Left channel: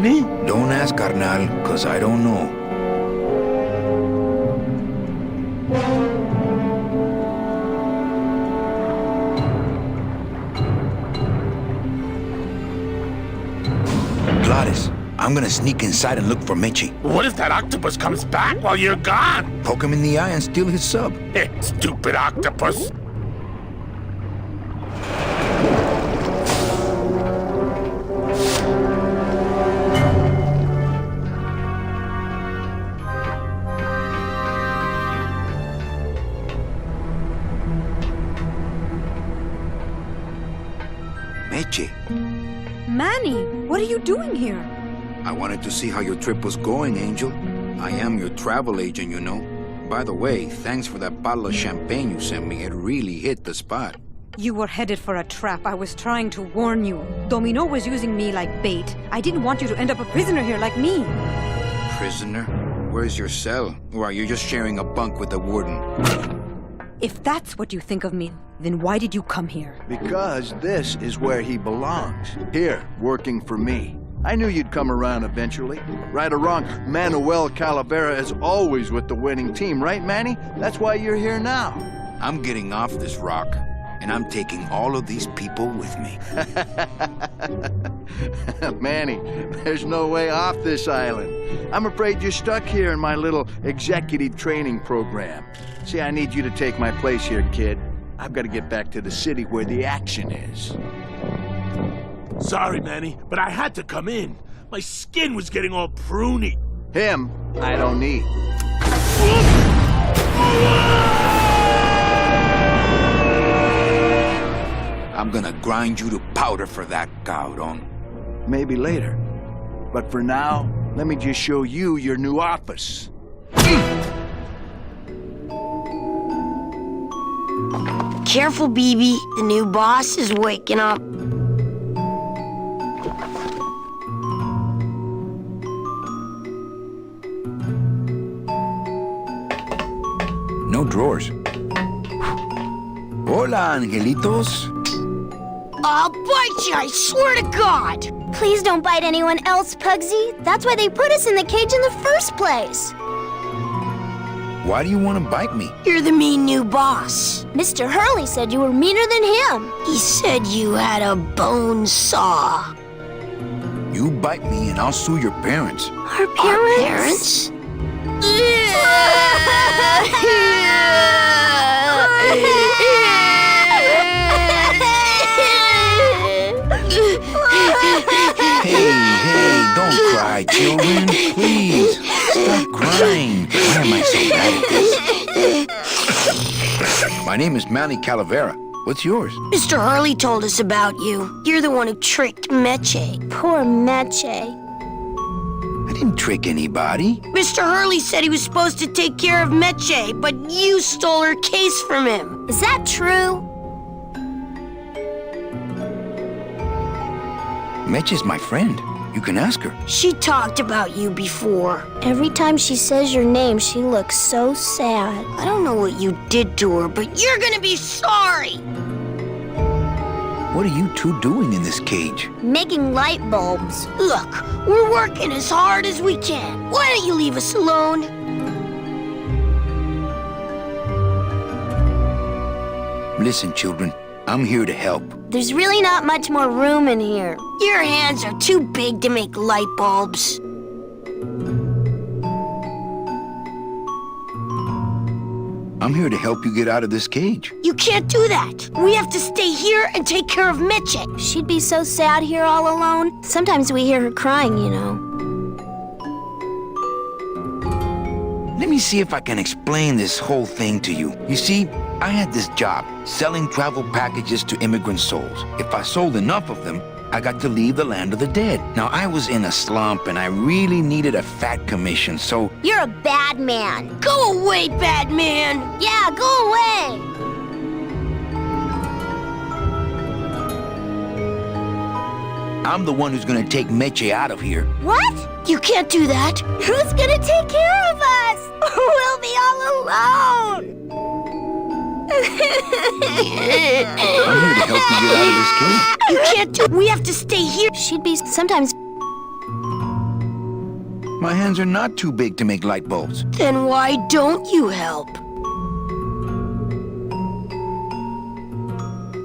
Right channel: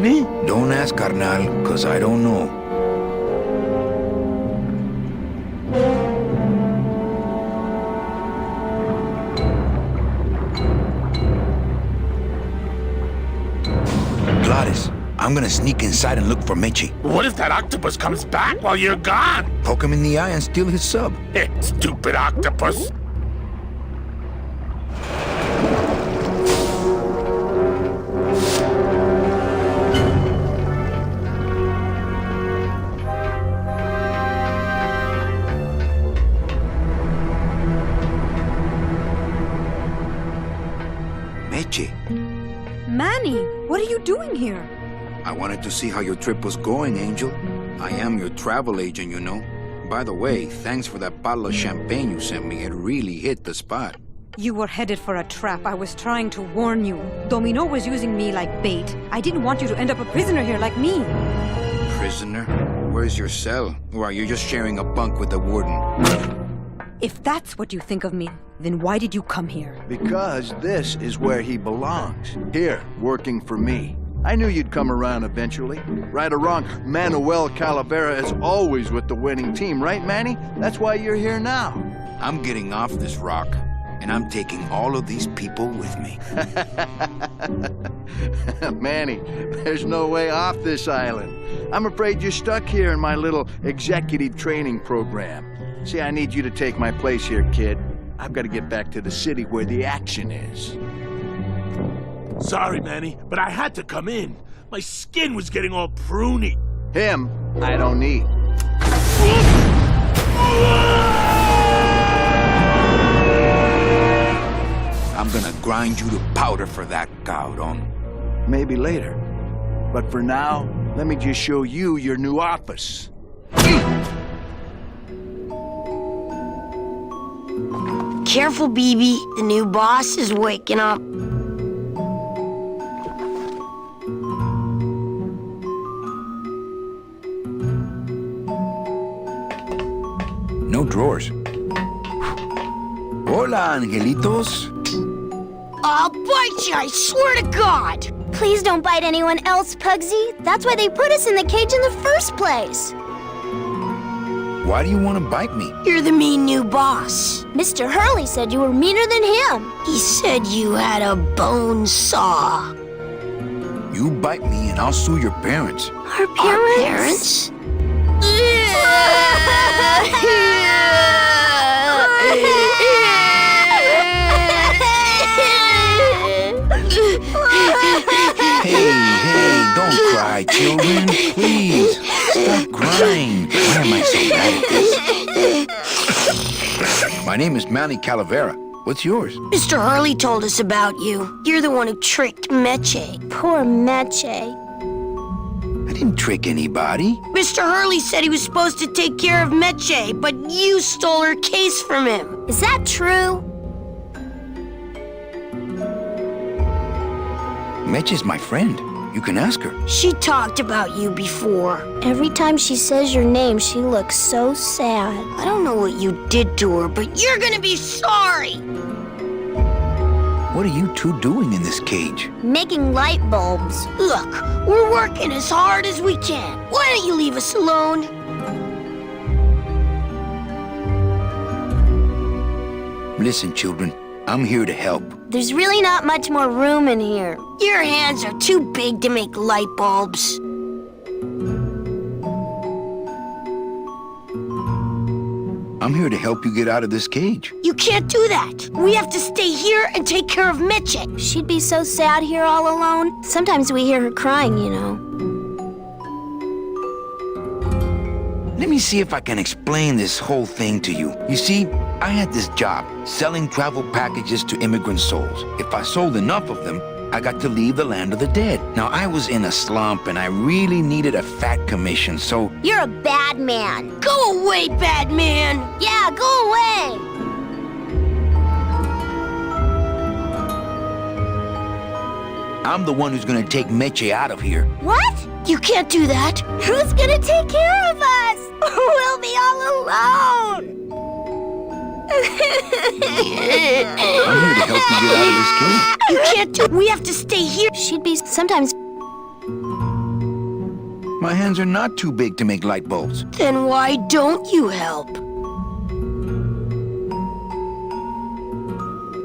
Manny? Don't ask, carnal, cause I don't know. Gladys, I'm gonna sneak inside and look for Meche. What if that octopus comes back while you're gone? Poke him in the eye and steal his sub. Stupid octopus. Meche, Manny, what are you doing here? I wanted to see how your trip was going, Angel. I am your travel agent, you know. By the way, thanks for that bottle of champagne you sent me. It really hit the spot. You were headed for a trap. I was trying to warn you. Domino was using me like bait. I didn't want you to end up a prisoner here like me. Prisoner? Where's your cell? Or are you just sharing a bunk with the warden? If that's what you think of me, then why did you come here? Because this is where he belongs. Here, working for me. I knew you'd come around eventually. Right or wrong, Manuel Calavera is always with the winning team, right, Manny? That's why you're here now. I'm getting off this rock, and I'm taking all of these people with me. Manny, there's no way off this island. I'm afraid you're stuck here in my little executive training program. See, I need you to take my place here, kid. I've got to get back to the city where the action is. Sorry, Manny, but I had to come in. My skin was getting all pruny. Him, I don't need. I'm gonna grind you to powder for that, cabrón. Maybe later. But for now, let me just show you your new office. Careful, BB. The new boss is waking up. No drawers. Hola, angelitos. I'll bite you, I swear to God! Please don't bite anyone else, Pugsy. That's why they put us in the cage in the first place. Why do you want to bite me? You're the mean new boss. Mr. Hurley said you were meaner than him. He said you had a bone saw. You bite me and I'll sue your parents. Our parents? Our parents? Hey, don't cry, children. Please, stop crying. Why am I so bad at this? My name is Manny Calavera. What's yours? Mr. Hurley told us about you. You're the one who tricked Meche. Poor Meche. I didn't trick anybody. Mr. Hurley said he was supposed to take care of Meche, but you stole her case from him. Is that true? Meche's my friend. You can ask her. She talked about you before. Every time she says your name, she looks so sad. I don't know what you did to her, but you're gonna be sorry. What are you two doing in this cage? Making light bulbs. Look, we're working as hard as we can. Why don't you leave us alone? Listen, children, I'm here to help. There's really not much more room in here. Your hands are too big to make light bulbs. I'm here to help you get out of this cage. You can't do that. We have to stay here and take care of Meche. She'd be so sad here all alone. Sometimes we hear her crying, you know. Let me see if I can explain this whole thing to you. You see, I had this job, selling travel packages to immigrant souls. If I sold enough of them, I got to leave the land of the dead. Now, I was in a slump and I really needed a fat commission, so... You're a bad man. Go away, bad man! Yeah, go away! I'm the one who's gonna take Meche out of here. What? You can't do that. Who's gonna take care of us? We'll be all alone! I'm here to help you get out of this cage. You can't do... We have to stay here. She'd be sometimes... My hands are not too big to make light bulbs. Then why don't you help?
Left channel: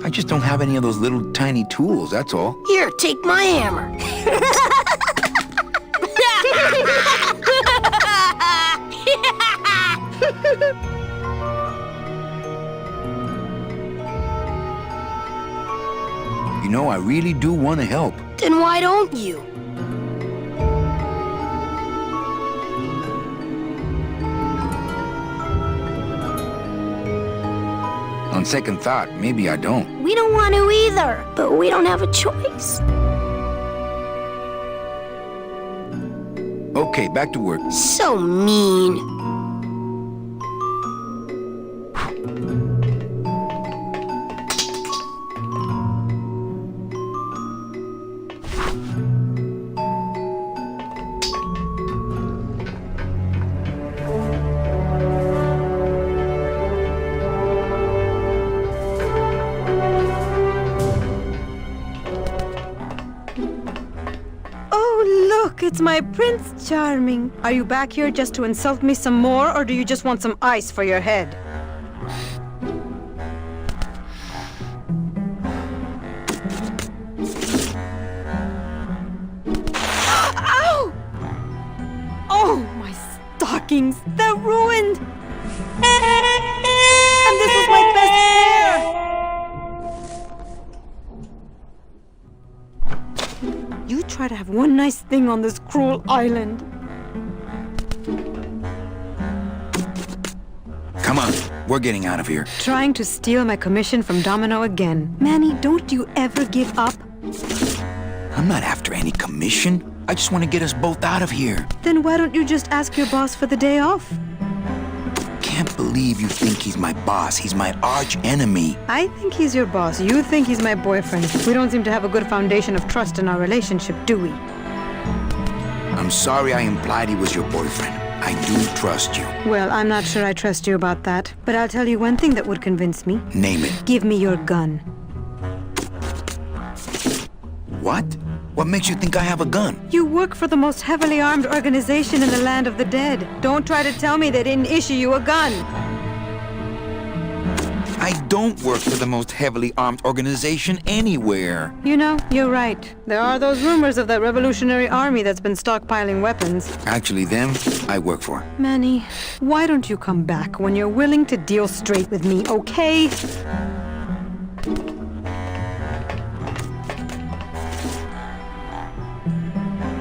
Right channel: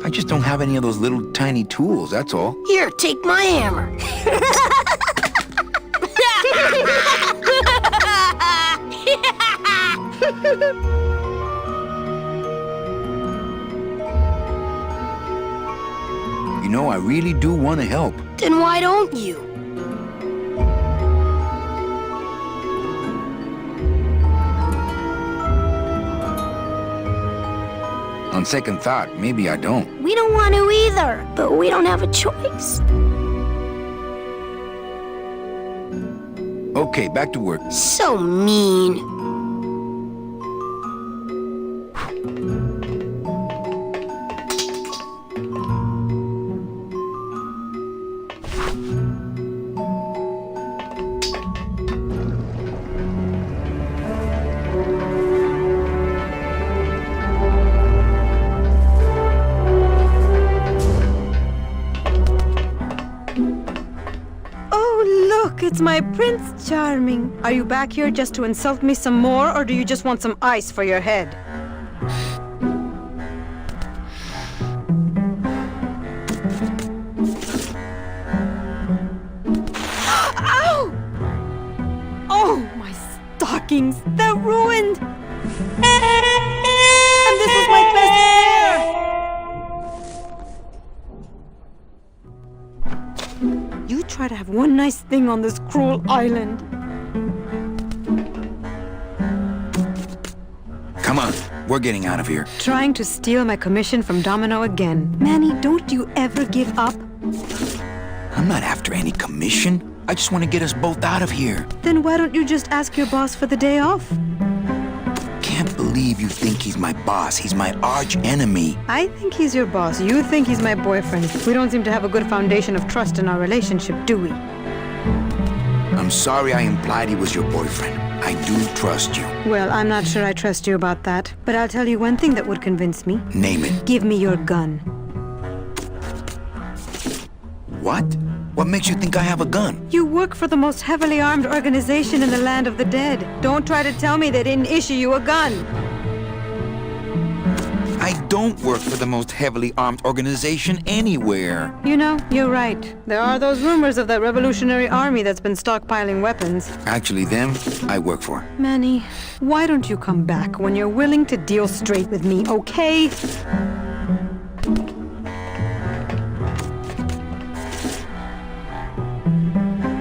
I just don't have any of those little tiny tools, that's all. Here, take my hammer. You know, I really do want to help. Then why don't you? On second thought, maybe I don't. We don't want to either, but we don't have a choice. Okay, back to work. So mean. Look, it's my Prince Charming. Are you back here just to insult me some more, or do you just want some ice for your head? Ow! Oh, my stockings! They're ruined! And this was my best pair! You try to have one nice thing on this cruel island. Come on, we're getting out of here. Trying to steal my commission from Domino again. Manny, don't you ever give up? I'm not after any commission. I just want to get us both out of here. Then why don't you just ask your boss for the day off? Can't believe you think he's my boss. He's my arch enemy. I think he's your boss. You think he's my boyfriend. We don't seem to have a good foundation of trust in our relationship, do we? I'm sorry I implied he was your boyfriend. I do trust you. Well, I'm not sure I trust you about that. But I'll tell you one thing that would convince me. Name it. Give me your gun. What? What makes you think I have a gun? You work for the most heavily armed organization in the land of the dead. Don't try to tell me they didn't issue you a gun. I don't work for the most heavily armed organization anywhere. You know, you're right. There are those rumors of that Revolutionary Army that's been stockpiling weapons. Actually, them, I work for. Manny, why don't you come back when you're willing to deal straight with me, okay?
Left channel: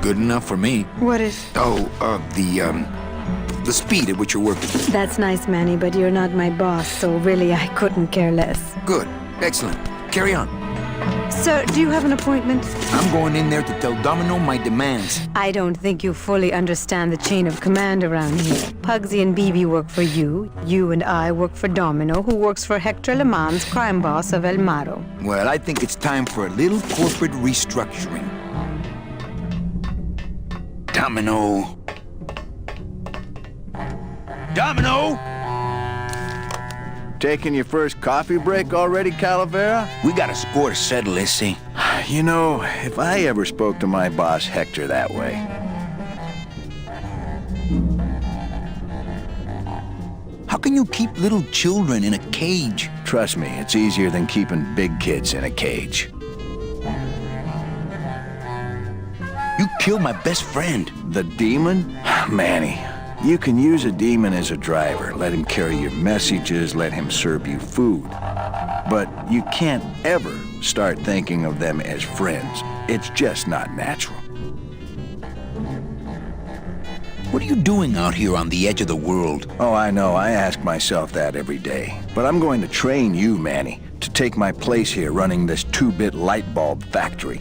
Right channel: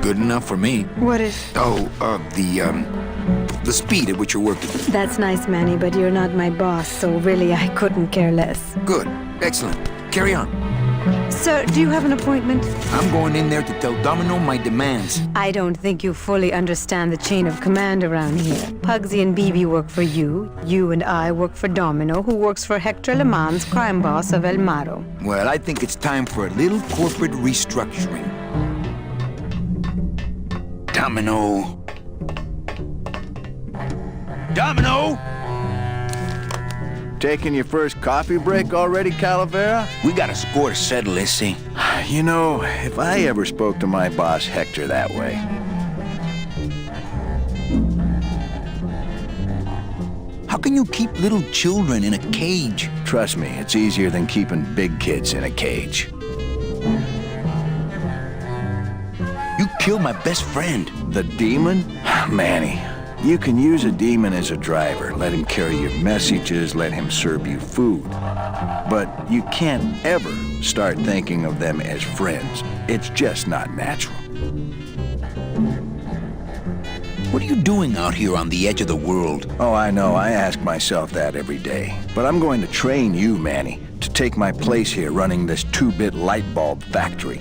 Good enough for me. What is? Oh, the speed at which you're working. That's nice, Manny, but you're not my boss, so really I couldn't care less. Good. Excellent. Carry on. Sir, do you have an appointment? I'm going in there to tell Domino my demands. I don't think you fully understand the chain of command around here. Pugsy and BB work for you. You and I work for Domino, who works for Hector Le Mans, crime boss of El Maro. Well, I think it's time for a little corporate restructuring. Domino. Domino! Taking your first coffee break already, Calavera? We got a score to settle, Issy. You know, if I ever spoke to my boss Hector that way. How can you keep little children in a cage? Trust me, it's easier than keeping big kids in a cage. You killed my best friend. The demon? Manny, you can use a demon as a driver. Let him carry your messages, let him serve you food. But you can't ever start thinking of them as friends. It's just not natural. What are you doing out here on the edge of the world? Oh, I know. I ask myself that every day. But I'm going to train you, Manny, to take my place here running this 2-bit light bulb factory.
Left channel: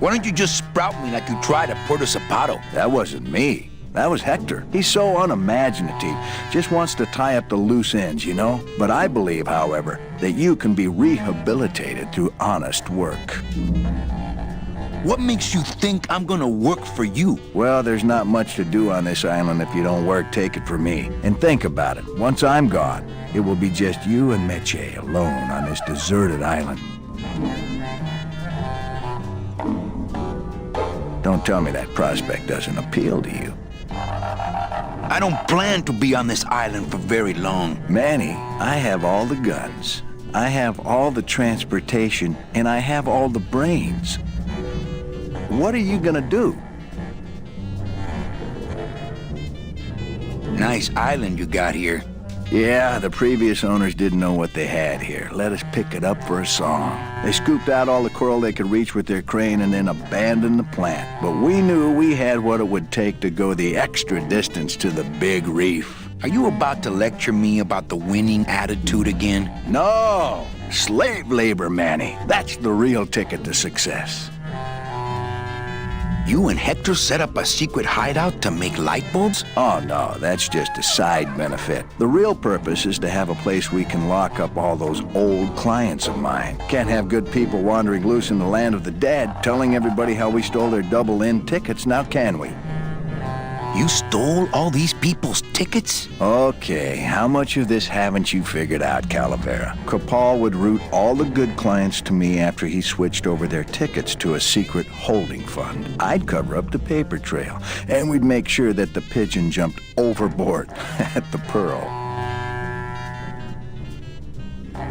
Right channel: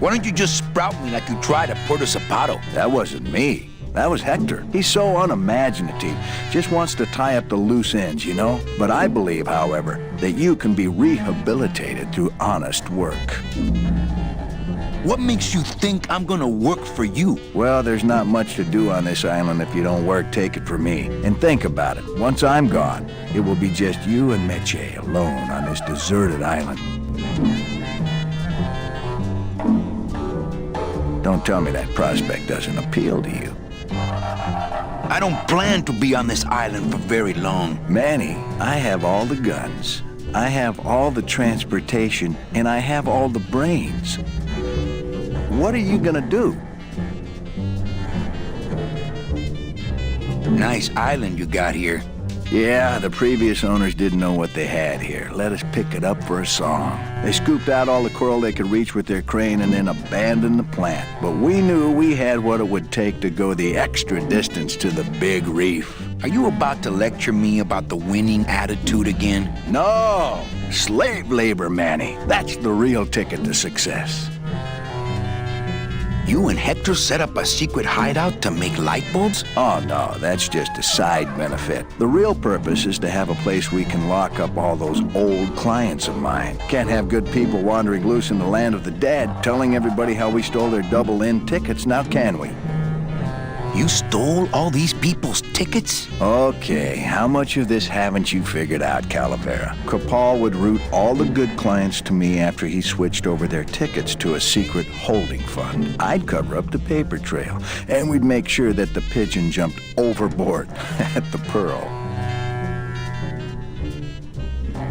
Why don't you just sprout me like you tried at Puerto Zapato? That wasn't me. That was Hector. He's so unimaginative. Just wants to tie up the loose ends, you know? But I believe, however, that you can be rehabilitated through honest work. What makes you think I'm gonna work for you? Well, there's not much to do on this island if you don't work, take it from me. And think about it. Once I'm gone, it will be just you and Meche alone on this deserted island. Don't tell me that prospect doesn't appeal to you. I don't plan to be on this island for very long. Manny, I have all the guns, I have all the transportation, and I have all the brains. What are you gonna do? Nice island you got here. Yeah, the previous owners didn't know what they had here. Let us pick it up for a song. They scooped out all the coral they could reach with their crane and then abandoned the plant. But we knew we had what it would take to go the extra distance to the big reef. Are you about to lecture me about the winning attitude again? No! Slave labor, Manny. That's the real ticket to success. You and Hector set up a secret hideout to make light bulbs? Oh, no, that's just a side benefit. The real purpose is to have a place we can lock up all those old clients of mine. Can't have good people wandering loose in the land of the dead, telling everybody how we stole their double-in tickets, now can we? You stole all these people's tickets? Okay, how much of this haven't you figured out, Calavera? Capal would route all the good clients to me after he switched over their tickets to a secret holding fund. I'd cover up the paper trail, and we'd make sure that the pigeon jumped overboard at the Pearl.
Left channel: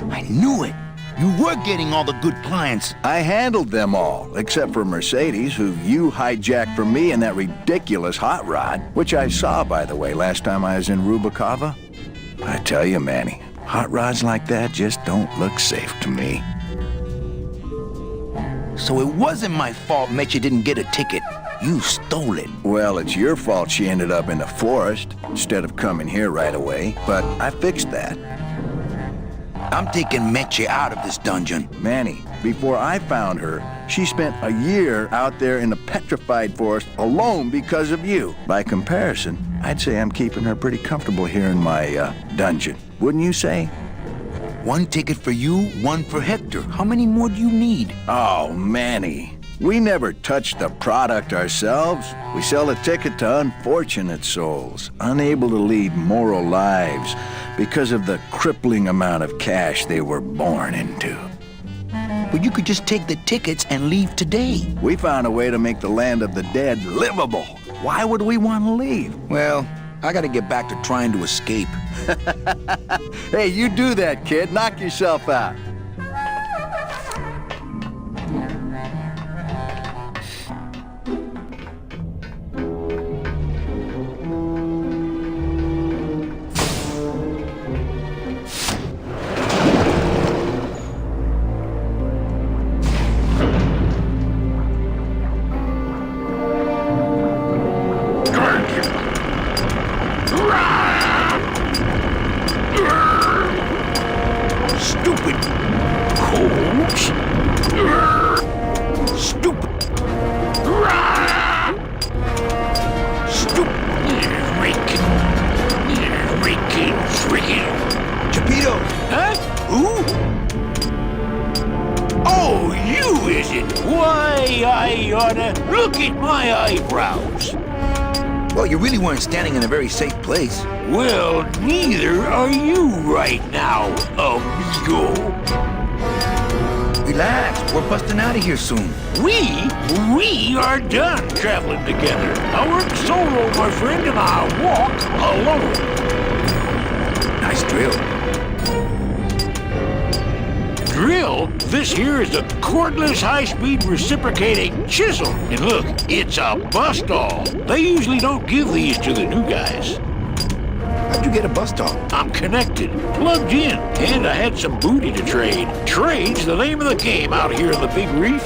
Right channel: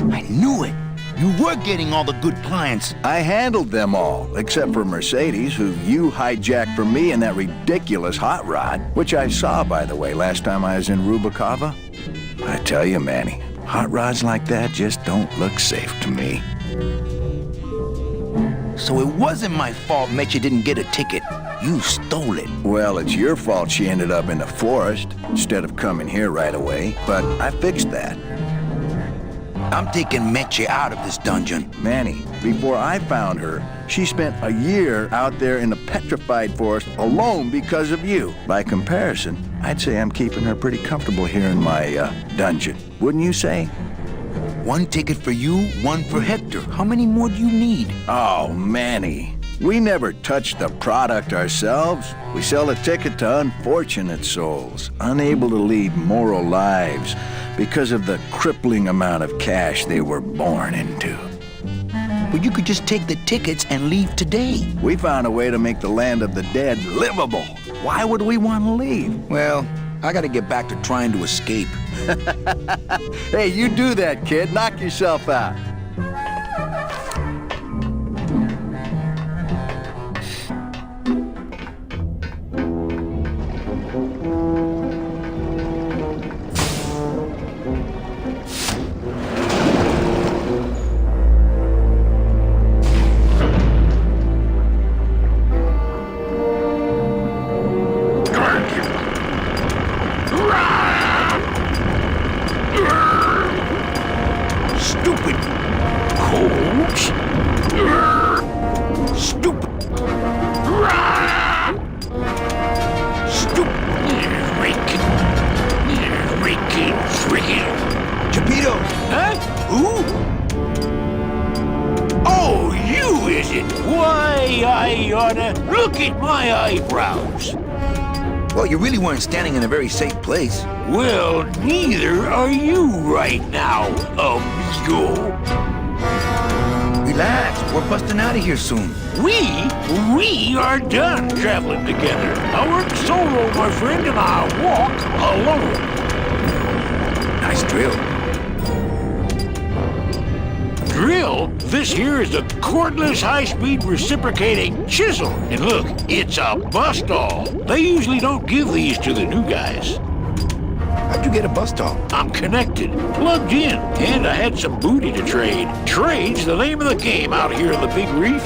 I knew it! You were getting all the good clients. I handled them all, except for Mercedes, who you hijacked from me in that ridiculous hot rod, which I saw, by the way, last time I was in Rubacava. I tell you, Manny, hot rods like that just don't look safe to me. So it wasn't my fault Meche didn't get a ticket. You stole it. Well, it's your fault she ended up in the forest instead of coming here right away, but I fixed that. I'm taking Meche out of this dungeon. Manny, before I found her, she spent a year out there in the petrified forest alone because of you. By comparison, I'd say I'm keeping her pretty comfortable here in my dungeon. Wouldn't you say? One ticket for you, one for Hector. How many more do you need? Oh, Manny. We never touch the product ourselves. We sell a ticket to unfortunate souls, unable to lead moral lives because of the crippling amount of cash they were born into. But you could just take the tickets and leave today. We found a way to make the land of the dead livable. Why would we want to leave? Well, I gotta get back to trying to escape. Hey, you do that, kid. Knock yourself out. Stupid coach. Stupid. Stupid. Chapito! Huh? Who? Oh, you is it? Why, I oughta look at my eyebrows. Well, you really weren't standing in a very safe place. Well, neither are you right now, amigo. Relax, we're busting out of here soon. We are done traveling together. I work solo, my friend, and I walk alone. Nice drill. Drill? This here is a cordless, high-speed reciprocating chisel. And look, it's a bust-all. They usually don't give these to the new guys. How'd you get a bus stop? I'm connected, plugged in, and I had some booty to trade. Trade's the name of the game out here in the big reef.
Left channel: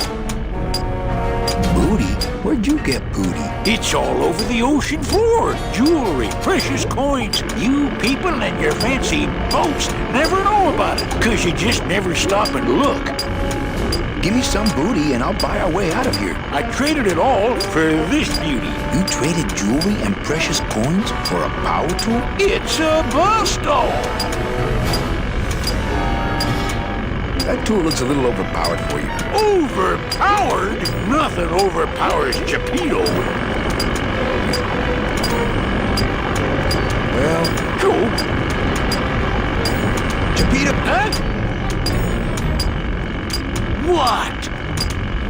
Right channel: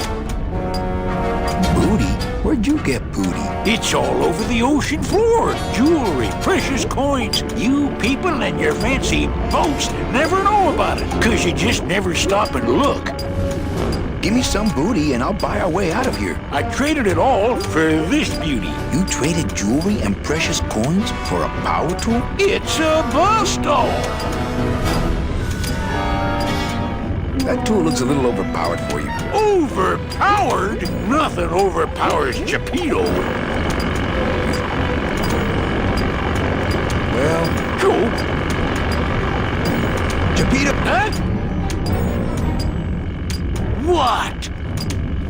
Booty? Where'd you get booty? It's all over the ocean floor. Jewelry, precious coins. You people and your fancy boats never know about it, 'cause you just never stop and look. Give me some booty and I'll buy our way out of here. I traded it all for this beauty. You traded jewelry and precious coins for a power tool? It's a bust-all. That tool looks a little overpowered for you. Overpowered? Nothing overpowers Chapito. Well, Cool. Chapito! Huh? What?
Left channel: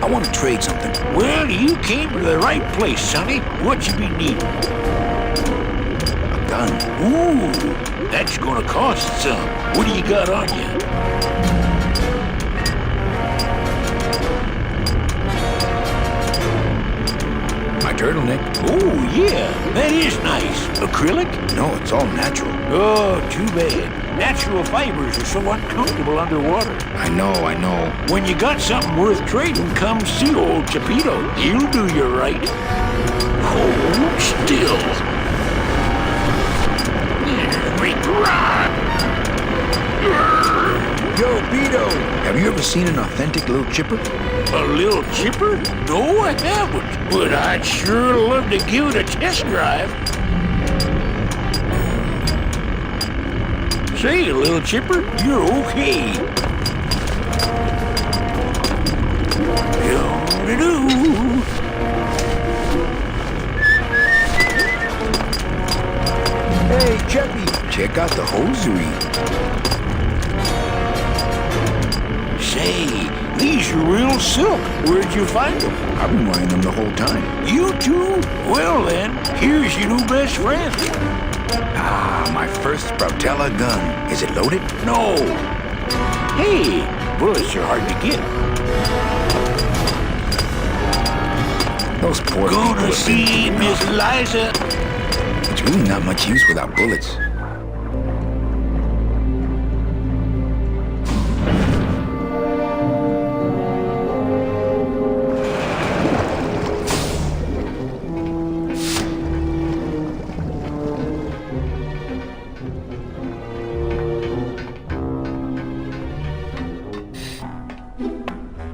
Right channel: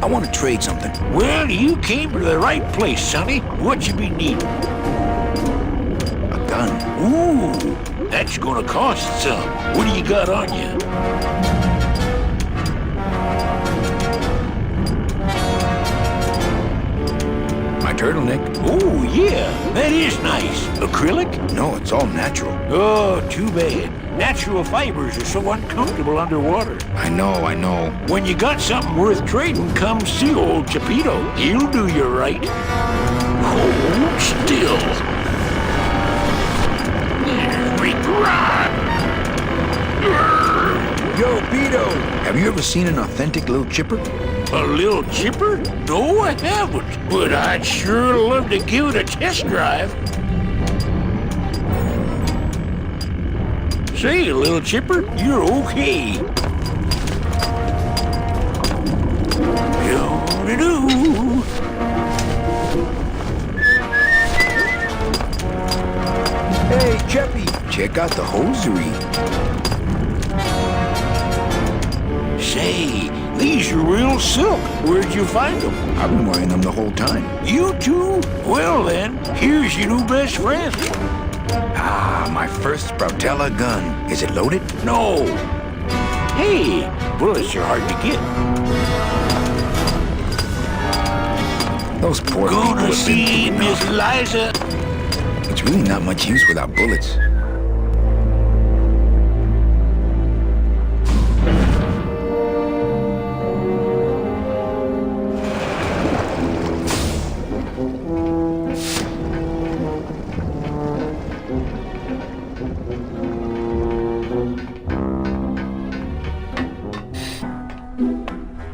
I want to trade something. Well, you came to the right place, Sonny. What you be needing? A gun. Ooh, that's gonna cost some. What do you got on you? My turtleneck. Oh, yeah, that is nice. Acrylic? No, it's all natural. Oh, too bad. Natural fibers are so uncomfortable underwater. I know. When you got something worth trading, come see old Chapito. He'll do you right. Hold still. Yo, Beto! Have you ever seen an authentic little chipper? A little chipper? No, I haven't. But I'd sure love to give it a test drive. Say, little chipper, you're okay. Do-do-do. Hey, Cheppy! Check out the hosiery. Say, these are real silk. Where'd you find them? I've been wearing them the whole time. You too? Well then, here's your new best friend. Ah, my first Sproutella gun. Is it loaded? No. Hey, bullets are hard to get. Those poor people Gonna have been see through Miss enough. Liza. It's really not much use without bullets.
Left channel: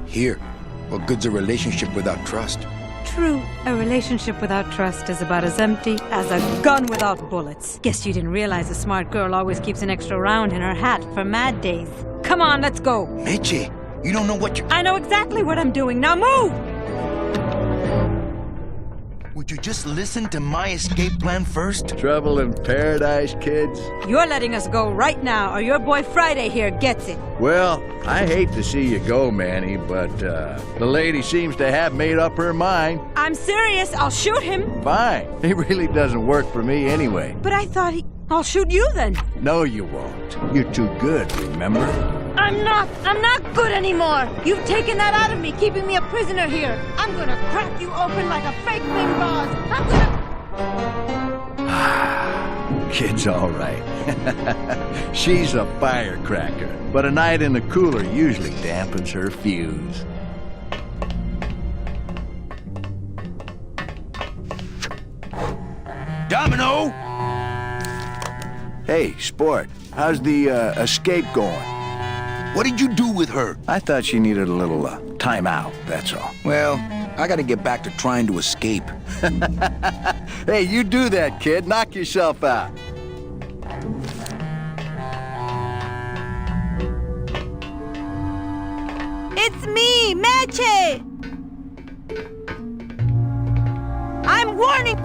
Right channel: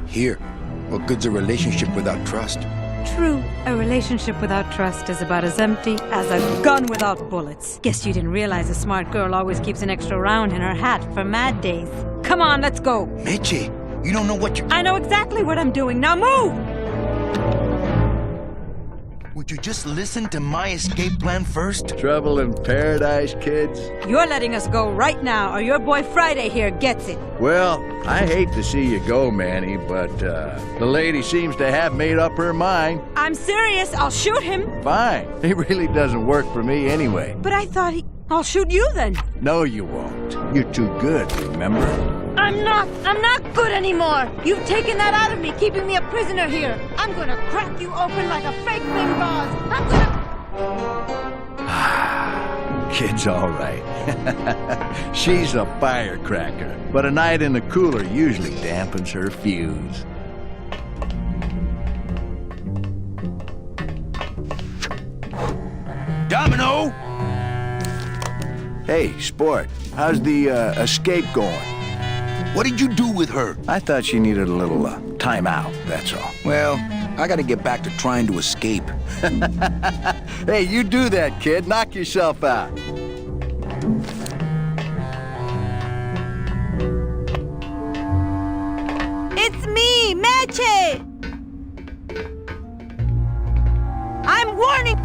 Here, what good's a relationship without trust? True, a relationship without trust is about as empty as a gun without bullets. Guess you didn't realize a smart girl always keeps an extra round in her hat for mad days. Come on, let's go. Meche, you don't know what you're... I know exactly what I'm doing. Now move! Would you just listen to my escape plan first? Trouble in paradise, kids? You're letting us go right now, or your boy Friday here gets it. Well, I hate to see you go, Manny, but the lady seems to have made up her mind. I'm serious. I'll shoot him. Fine. It really doesn't work for me anyway. But I thought I'll shoot you then. No, you won't. You're too good, remember? I'm not good anymore. You've taken that out of me, keeping me a prisoner here. I'm gonna crack you open like a fake thing vase. I'm gonna... Kid's all right. She's a firecracker, but a night in the cooler usually dampens her fuse. Domino! Hey, sport, how's the escape going? What did you do with her? I thought she needed a little time out, that's all. Well, I gotta get back to trying to escape. Hey, you do that, kid. Knock yourself out. It's me, Meche! I'm warning...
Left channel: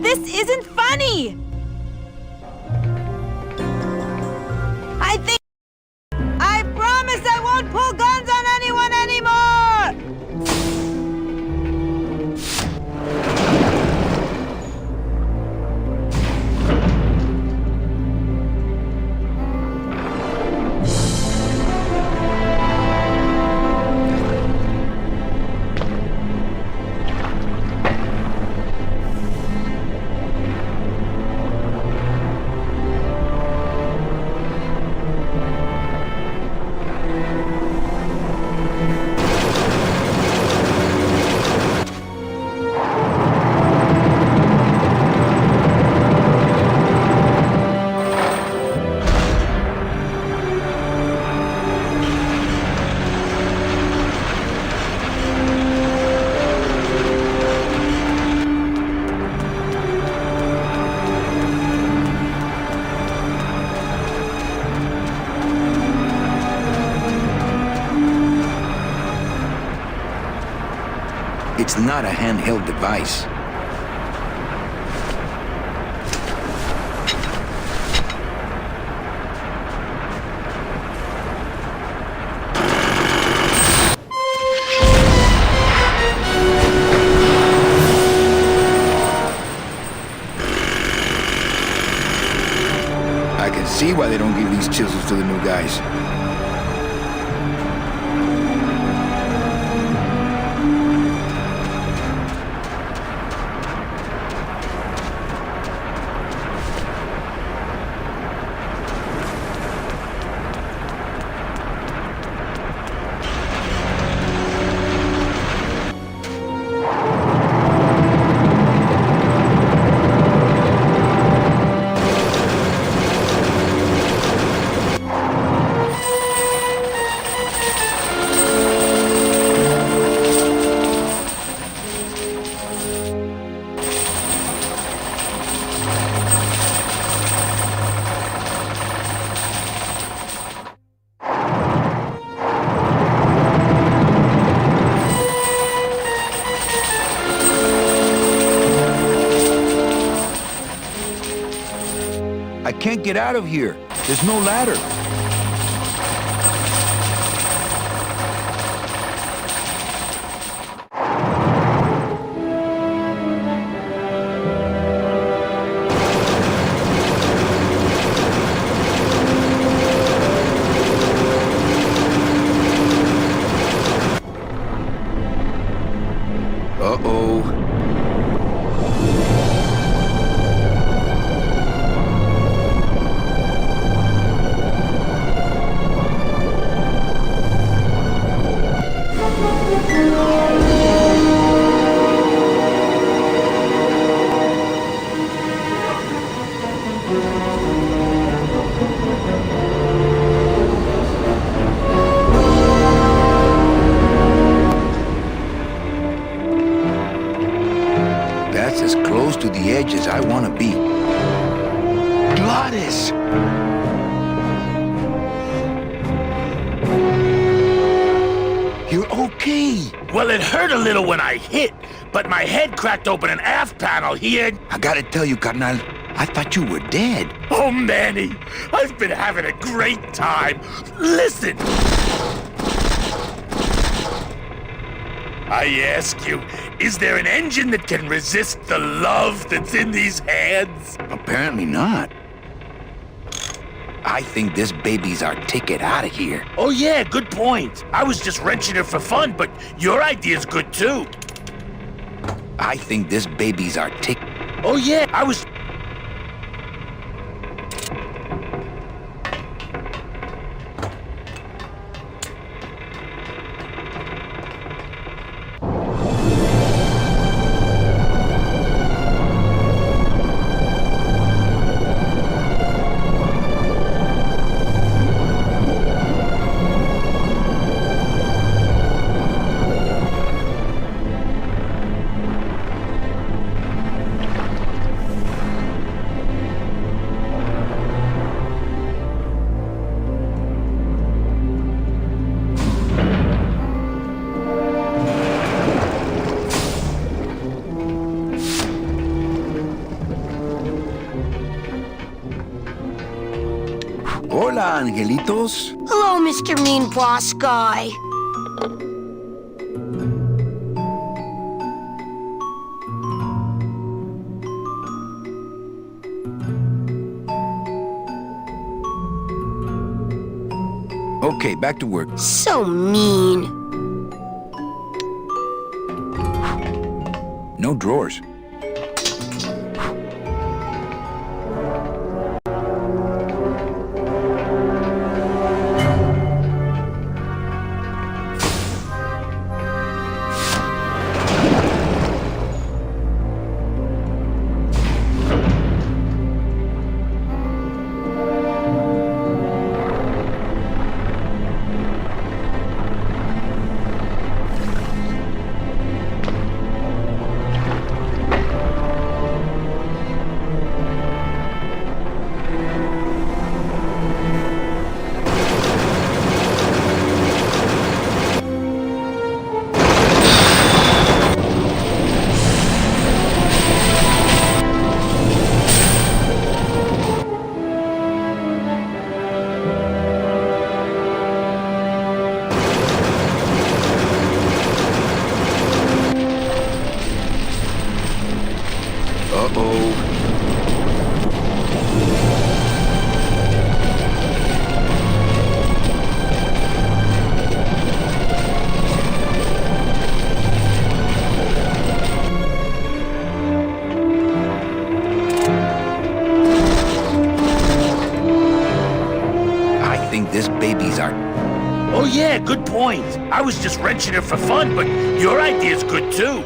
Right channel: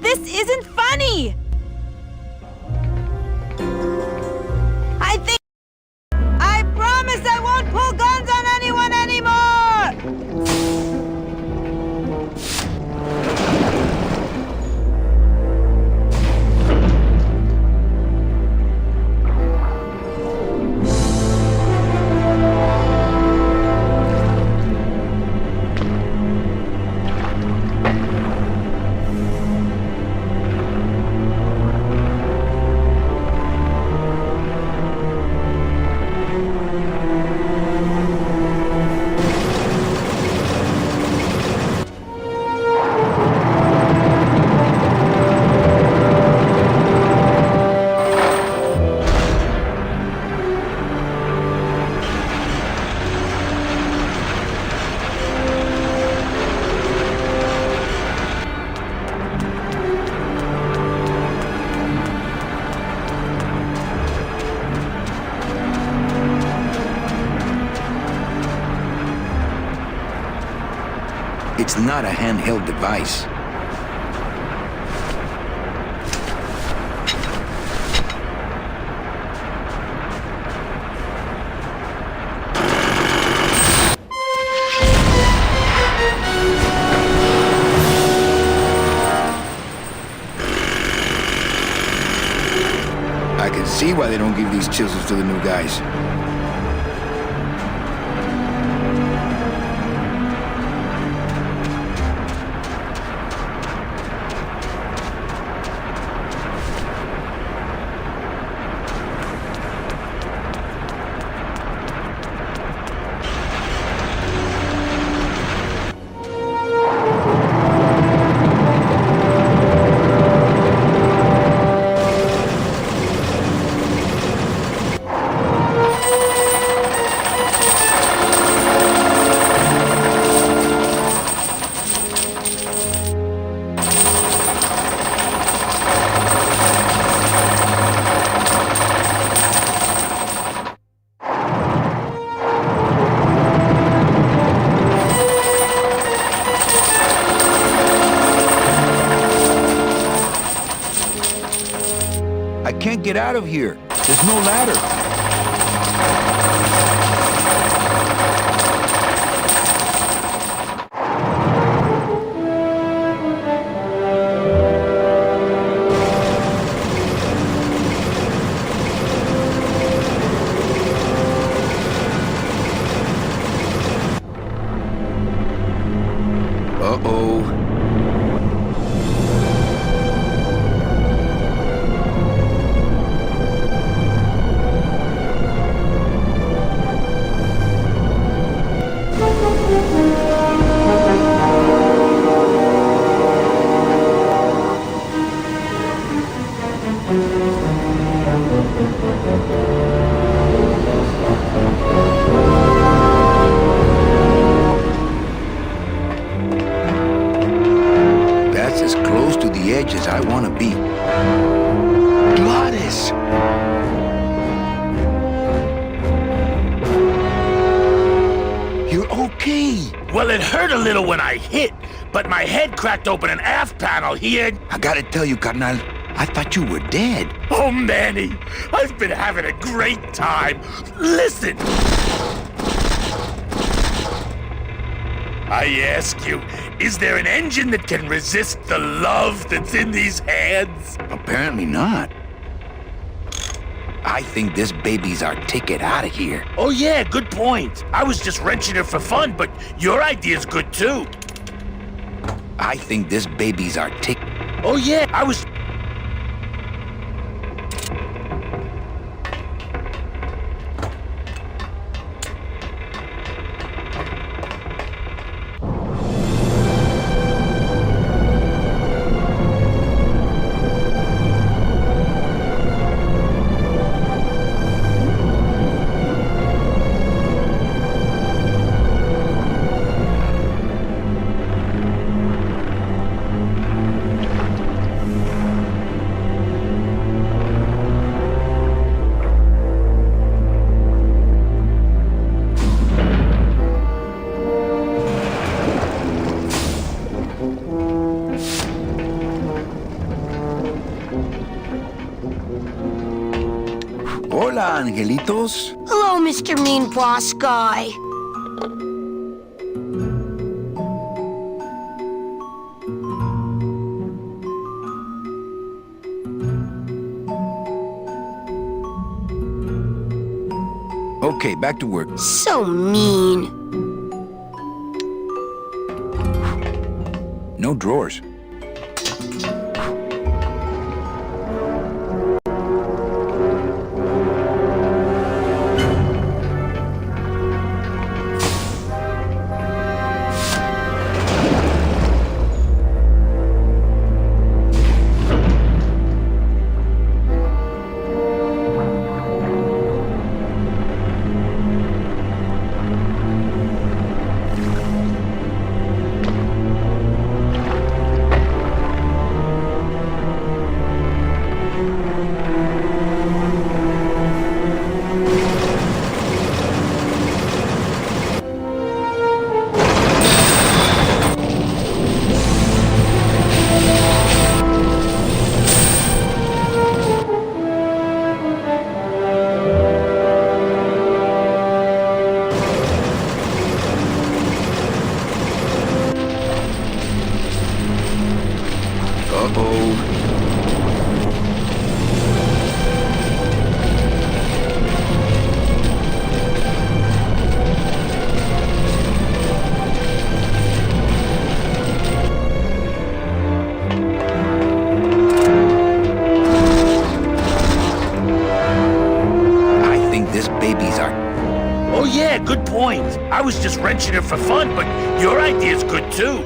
This isn't funny! I promise I won't pull guns on anyone anymore! It's not a handheld device. can see why they don't give these chisels to the new guys. I can't get out of here. There's no ladder. Uh-oh. That's as close to the edge as I want to be. Gladys! You're okay. Well, it hurt a little when I hit, but my head cracked open an aft panel here. I gotta tell you, carnal, I thought you were dead. Oh, Manny, I've been having a great time. Listen. I ask you, is there an engine that can resist the love that's in these hands? Apparently not. I think this baby's our ticket out of here. Oh, yeah, good point. I was just wrenching it for fun, but your idea's good, too. I think this baby's our ticket. Oh, yeah, I was... Hola, angelitos. Hello, Mr. Mean Boss Guy. Okay, back to work. So mean. No drawers. Uh-oh. this baby's art. Oh yeah, good point. I was just wrenching her for fun, but your idea's good too.